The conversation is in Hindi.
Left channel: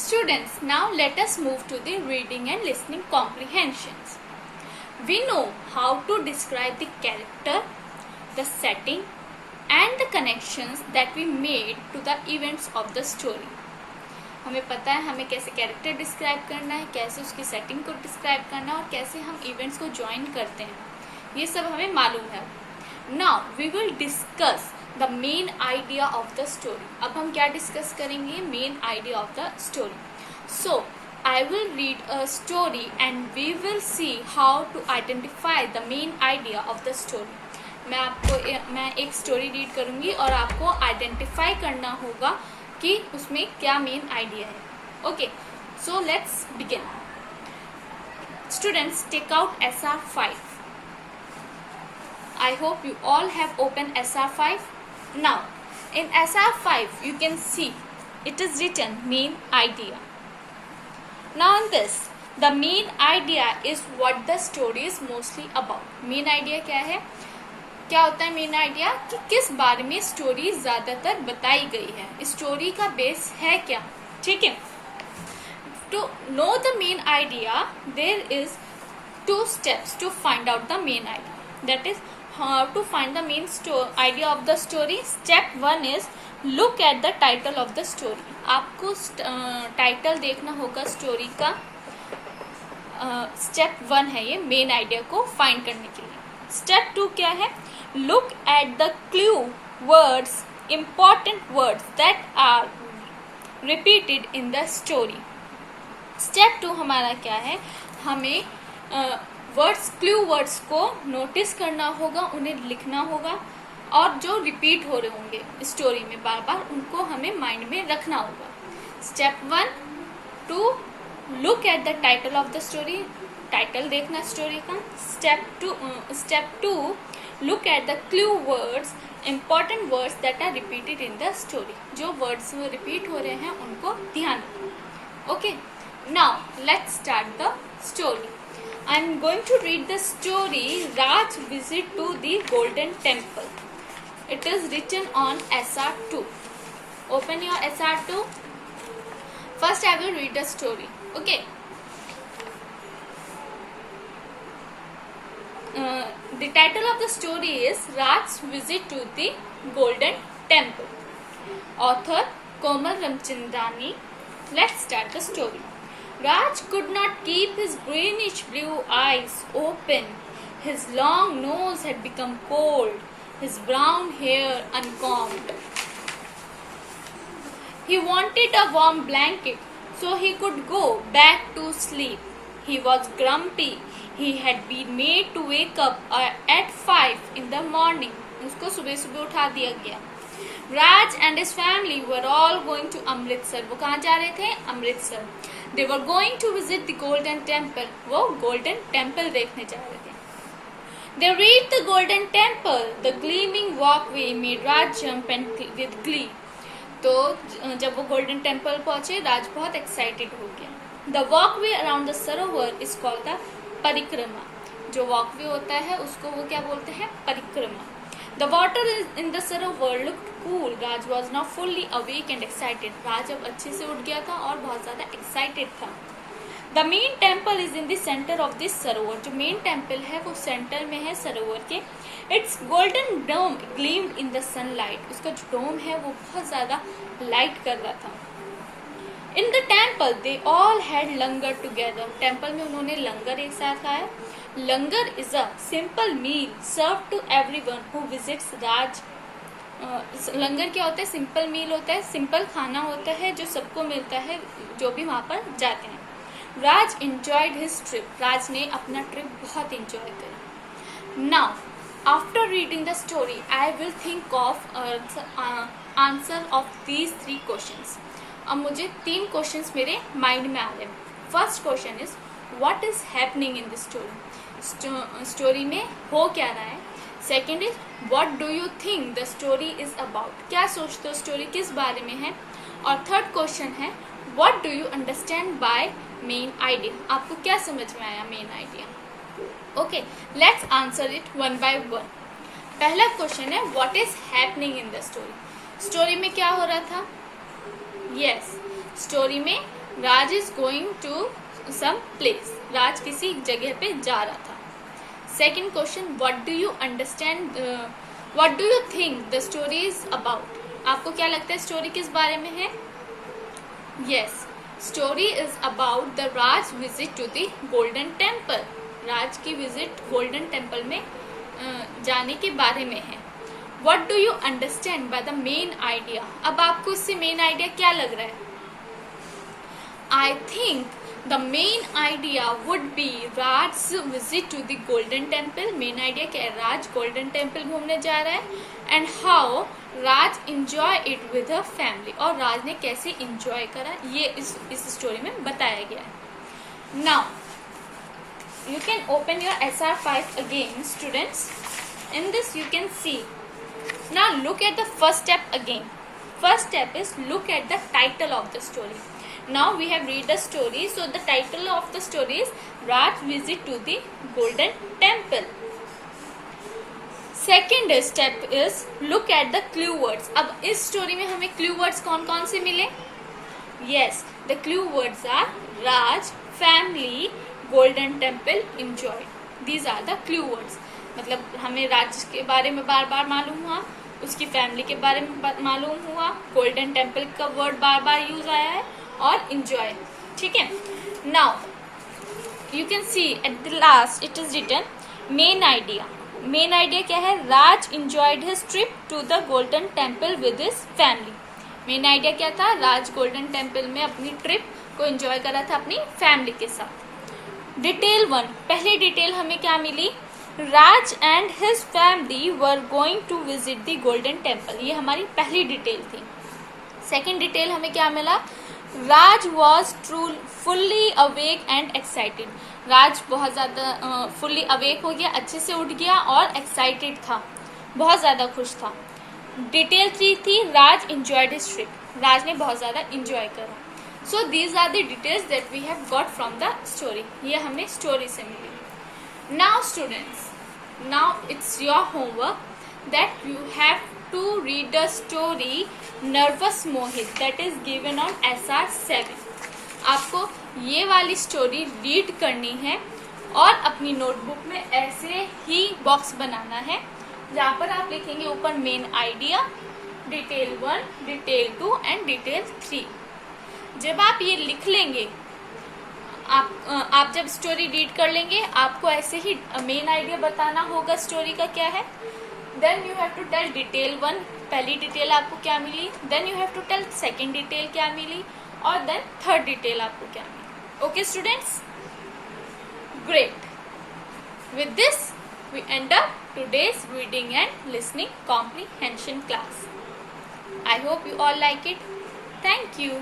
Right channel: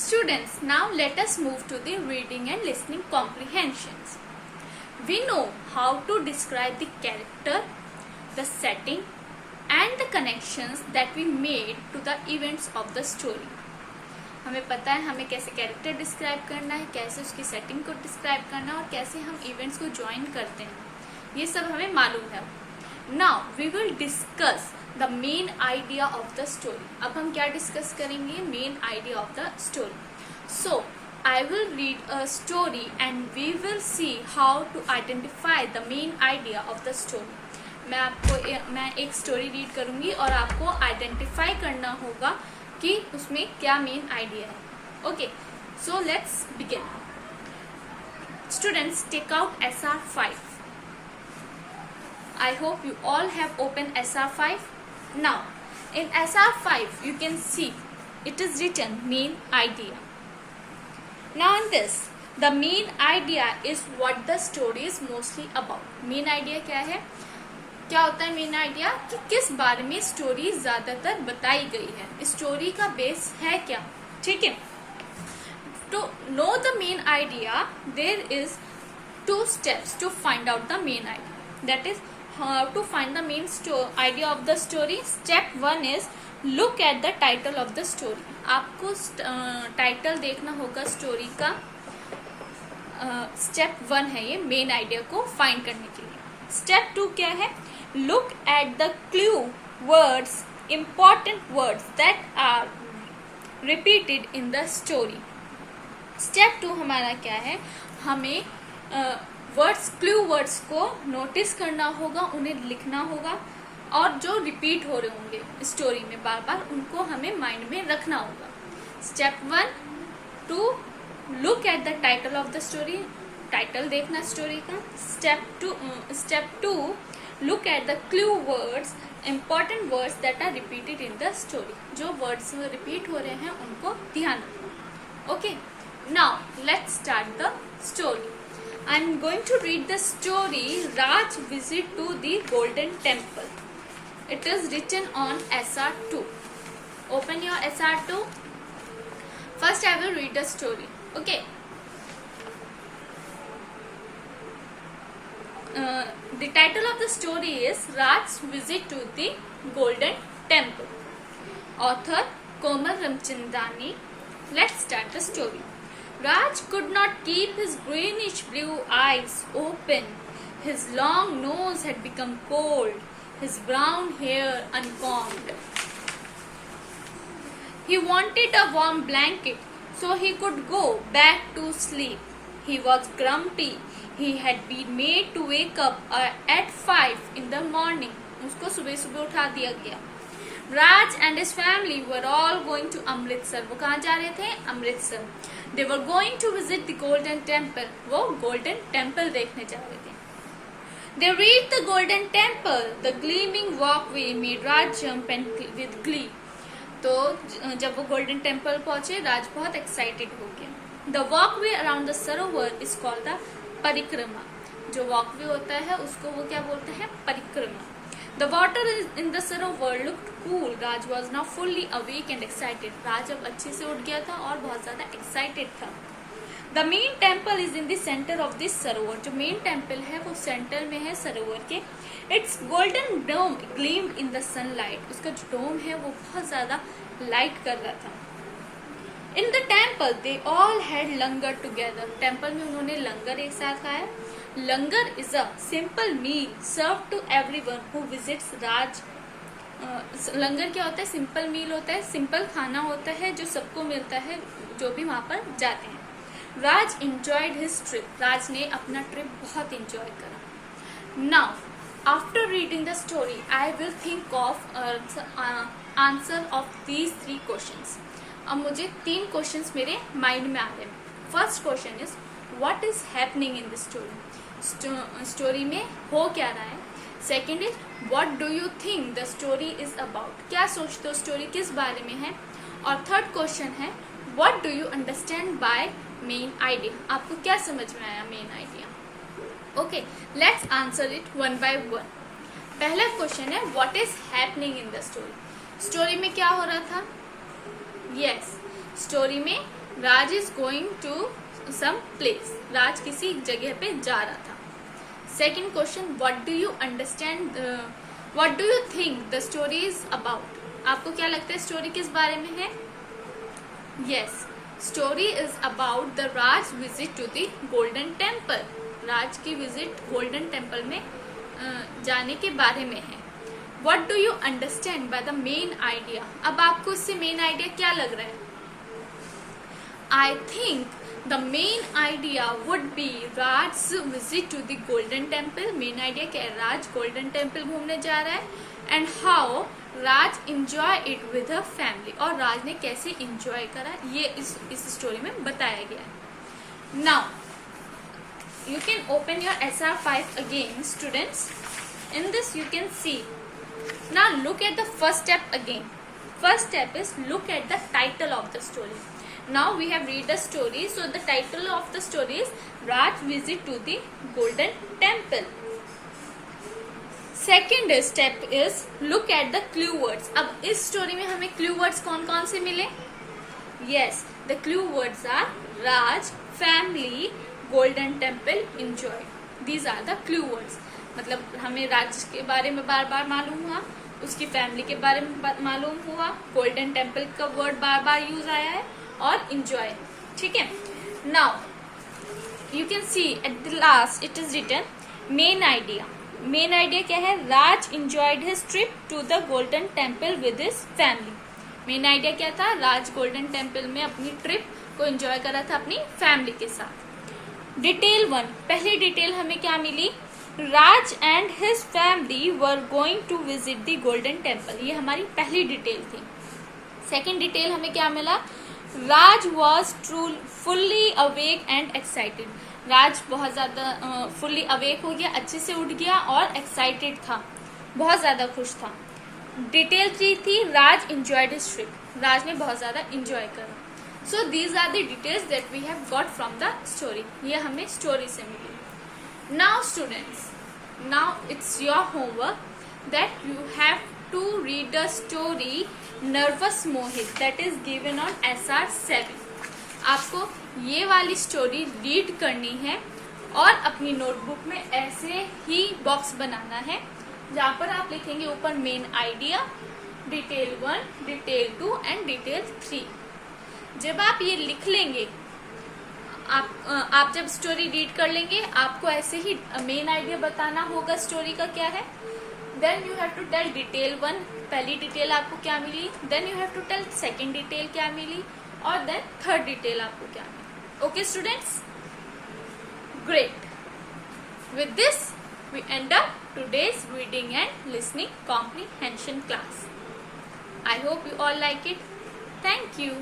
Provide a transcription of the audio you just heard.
Students, now let us move to the reading and listening comprehensions. We know how to describe the character, the setting, and the connections that we made to the events of the story. हमें पता है हमें कैसे कैरेक्टर डिस्क्राइब करना है, कैसे उसकी सेटिंग को डिस्क्राइब करना है और कैसे हम इवेंट्स को ज्वाइन करते हैं, ये सब हमें मालूम है. Now we will discuss the main idea of the story. अब हम क्या डिस्कस करेंगे? Main idea of the story. So I will read a story and we will see how to identify the main idea of the story. मैं एक स्टोरी रीड करूंगी और आपको आइडेंटिफाई करना होगा कि उसमें क्या मेन आइडिया है. Okay, so let's begin. Students, take out SR5. I hope you all have opened SR5. Now, in SR5 you can see it is written main idea. Now in this, the main idea is what the story is mostly about. Main idea क्या है? क्या होता है मेन आइडिया? कि किस बारे में स्टोरी ज्यादातर बताई गई है, स्टोरी का बेस है क्या. ठीक है. To know the main idea, there is 2 steps to find out the main idea. That is how to find the main idea of the story. Step 1 is look at the title of the story. आपको टाइटल देखना होगा स्टोरी का. स्टेप 1 है ये मेन आइडिया को फाइंड करने के लिए. स्टेप 2 क्या है? Look at the clue words, important words that are repeated in the story. Step 2 हमारा क्या है? हमें वर्ड्स, क्लू वर्ड्स को नोटिस करना होगा, उन्हें लिखना होगा और जो रिपीट हो रहे होंगे स्टोरी में बार बार, उनको हमें माइंड में रखना होगा. Step 1 to look at the title of the story, title देखना स्टोरी का. Step 2 look at the clue words, important words that are repeated in the story. जो वर्ड्स रिपीट हो रहे हैं उनको ध्यान रखना. Okay, now let's start the story. I am going to read the story Raj Visit to the Golden Temple. It is written on SR2. Open your SR2. First I will read the story. Okay. The title of the story is Raj's Visit to the Golden Temple. Author Komal Ramchandani. Let's start the story. Raj could not keep his greenish blue eyes open. His long nose had become cold, his brown hair uncombed. He wanted a warm blanket so he could go back to sleep. He was grumpy. He had been made to wake up at 5 in the morning. उसको सुबह सुबह उठा दिया गया. Raj and his family were all going to Amritsar. वो कहाँ जा रहे थे? Amritsar. They were going to visit the Golden Temple. वो Golden Temple देखने जा रहे थे. They reached the Golden Temple. The gleaming walkway made Raj jump and with glee. तो जब वो Golden Temple पहुंचे, राज बहुत excited हो गया. The walkway around the Sarovar is called the परिक्रमा. जो walkway होता है उसको वो क्या बोलते हैं? परिक्रमा. The water in the Sarovar looked cool. Raj was now fully awake and excited. राज अब अच्छे से उठ गया था और बहुत ज्यादा excited था. The main temple is in the center of this सरोवर. जो main temple है वो सेंटर में है सरोवर के. Its golden dome gleamed in the sunlight. उसका जो dome है वो बहुत ज्यादा light कर रहा था. In the temple they all had langar together. Temple में उन्होंने लंगर एक साथ खाया. Langar is a simple meal served to everyone who visits Raj. लंगर क्या होता है? सिंपल मील होता है, सिंपल खाना होता है जो सबको मिलता है जो भी वहाँ पर जाते हैं. राज enjoyed his trip. राज ने अपना ट्रिप बहुत enjoy करा. Now, after reading the story, I will think of answer of these 3 questions. अब मुझे 3 क्वेश्चंस मेरे माइंड में आ गए. First question is what is happening in this story. Story में हो क्या रहा है. Second is what do you think the story is about. क्या सोचते हो स्टोरी किस बारे में है. और थर्ड क्वेश्चन है what do you understand by main idea. आपको क्या समझ में आया main idea. Okay, let's answer it one by one. पहला क्वेश्चन है what is happening in the story. Story में क्या हो रहा था. यस, स्टोरी में Raj is going to some place. Raj किसी जगह पे जा रहा था. Second question, what do you understand, what do you think the story is about. आपको क्या लगता है स्टोरी किस बारे में है? Yes, story is about the Raj visit to the golden temple. Raj की विजिट गोल्डन टेम्पल में जाने के बारे में है. What do you understand by the main idea? अब आपको इससे मेन आइडिया क्या लग रहा है? I think the main idea would be Raj's visit to the Golden Temple. Main idea क्या है? राज गोल्डन टेम्पल घूमने जा रहा है and how Raj enjoy it with her family. और राज ने कैसे enjoy करा ये इस स्टोरी में बताया गया है. Now you can open your SR5 again, students. In this you can see. Now look at the first step again. First step is look at the title of the story. Now we have read the story. So the title of the story is Raj visit to the Golden Temple. Second step is look at the clue words. अब इस story में हमें clue words कौन कौन से मिले? Yes, the clue words are Raj, family, Golden Temple, enjoy. These are the clue words. मतलब हमें राज के बारे में बार बार मालूम हुआ, उसकी फैमिली के बारे में मालूम हुआ, गोल्डन टेम्पल का वर्ड बार बार यूज आया है और एंजॉय. ठीक है. Now you can see at the last it is written main idea. Main idea क्या है? Raj enjoyed his trip to the golden temple with his family. Main idea क्या था? राज गोल्डन टेम्पल में अपनी ट्रिप को एंजॉय कर रहा था अपनी फैमिली के साथ. डिटेल 1, पहली डिटेल हमें क्या मिली? Raj and his family were going to visit the golden temple. ये हमारी पहली डिटेल थी. सेकेंड डिटेल हमें क्या मिला? Raj was fully awake and excited. Raj बहुत ज्यादा फुल्ली अवेक हो गया, अच्छे से उठ गया और एक्साइटेड था, बहुत ज्यादा खुश था. डिटेल 3 थी Raj enjoyed his trip. Raj ने बहुत ज्यादा एंजॉय करा. So these are the details that we have got from the story. ये हमें स्टोरी से मिली. Now students, now it's your homework that you have to read the story Nervous Mohit that is given on SR7. आपको ये वाली स्टोरी रीड करनी है और अपनी नोटबुक में ऐसे ही बॉक्स बनाना है जहाँ पर आप लिखेंगे ऊपर main idea, detail 1, detail 2 and detail 3. जब आप ये लिख लेंगे, आप जब स्टोरी रीड कर लेंगे आपको ऐसे ही मेन आइडिया बताना होगा स्टोरी का क्या है. Then you have to tell detail 1, पहली डिटेल आपको क्या मिली. Then you have to tell second detail क्या मिली और देन थर्ड डिटेल आपको क्या मिली. Okay students, great. With this we end up today's reading and listening comprehension class. I hope you all like it. Thank you.